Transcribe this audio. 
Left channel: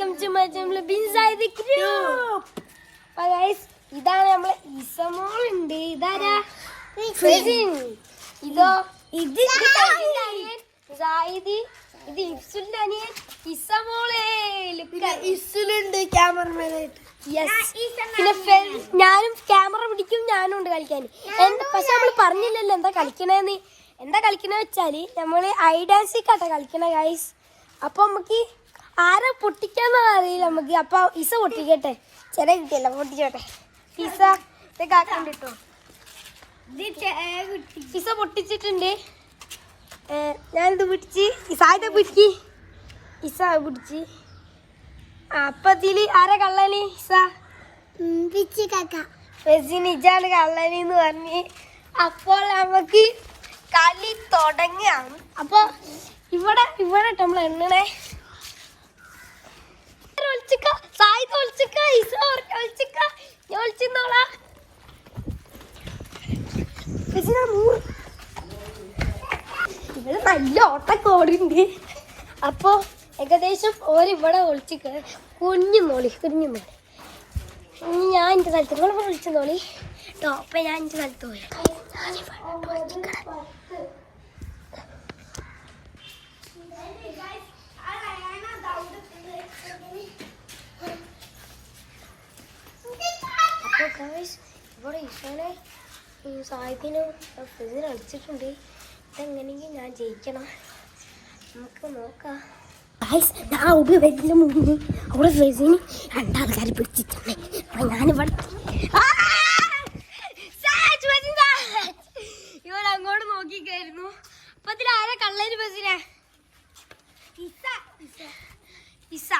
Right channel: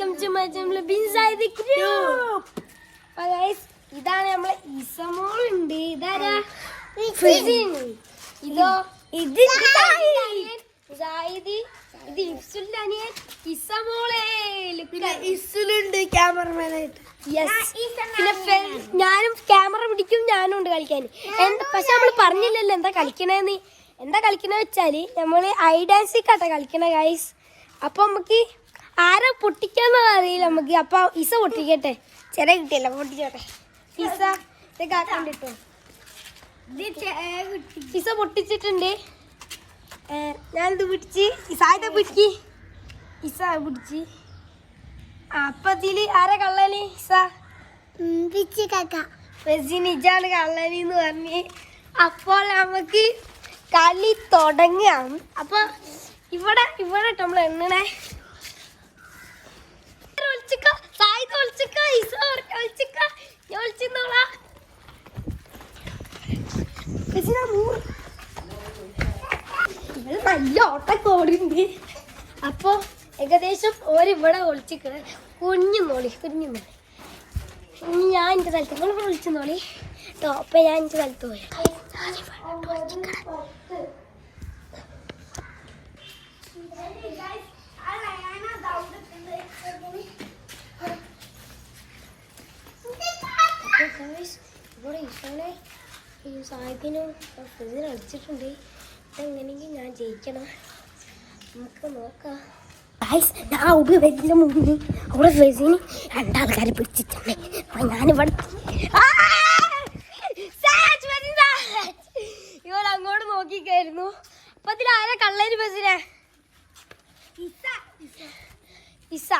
Welcome to my channel ബിൻസൈദ് group. Guys ഇതാണ് നമ്മളെ ഇസമോൾ ഉണ്ട്. ഇതാരാ? ഇതോ ഇത് സായിദി. ഇത് ഇസുലിന്റെ അനിയൻ ഇസമോളെ. ഇസുലുണ്ട് ക്യാമറമാൻ. പിന്നെ ഞാനും ക്യാമറ പിടിക്കും, ഞാനും ഉണ്ട് കളിക്കാൻ. പക്ഷെ നമ്മള് പറഞ്ഞില്ലല്ലോ എന്താ കളിക്കണേന്ന്. എന്താ കളിക്കണ വെച്ചാല് നമ്മള് ഐഡാൻസിക്കാട്ടെ കളിക്കണ ഗൈസ്. അപ്പൊ നമുക്ക് ആരെ പൊട്ടിക്കാന്ന് അറിയില്ല നമുക്ക്. അപ്പൊ ഇസ പൊട്ടിക്കട്ടെ. ചെറിയ കിട്ടിയല്ല, പൊട്ടിച്ചോട്ടെ. ഇസ ഇതൊക്കെ ആക്കണ്ടിട്ടോ. ഇസ പൊട്ടിച്ചിട്ടുണ്ട്. ഞാനിത് പിടിച്ച് ഇസായത് പിടിക്ക്. ഇസ പിടിച്ച്. അപ്പൊ ഇതില് ആരാ കള്ളനി? ഇസ ഇജാണ് കള്ളനിന്ന് പറഞ്ഞ്. അപ്പോൾ നമുക്ക് കളി തുടങ്ങാണ്. അപ്പൊ ഇവിടെ നമ്മൾ എണ്ണണേ. ഇവിടെ നല്ല ഓട്ടക്കോടുണ്ട്. അപ്പൊ ഏകദേശം ഓരിവിടെ ഒളിച്ചിക്ക. കുഞ്ഞുന്നോളി. ഇനി ഞാൻ എൻ്റെ സ്ഥലത്ത് നിങ്ങളിവിടെ വിളിച്ചെന്നോളി കേട്ടോ. അപ്പൊ ഞാൻ എൻ്റെ സ്ഥലത്ത് പോയി. ഇവിടെ ഈശോനെ ഈ സാഹിത്യനും ഫിസിന് അടിച്ചിട്ടുണ്ട്. ഇതെങ്ങനെയെങ്കിലും ഞാൻ ജയിക്കണം. നമുക്ക് നോക്കാം. ഞാൻ അവിടെ വരുന്ന മുന്നേ അവിടെ ഫിസിന് രണ്ടാൾക്കാരെ പിടിച്ചിട്ടുണ്ട്. അപ്പൊ ഞാനിവിടെ ഇവൻ അങ്ങോട്ട് നോക്കിക്കായിരുന്നു. അപ്പൊ അതിന് ആരാ കള്ളേര് ഫിസിനെ? ഇസ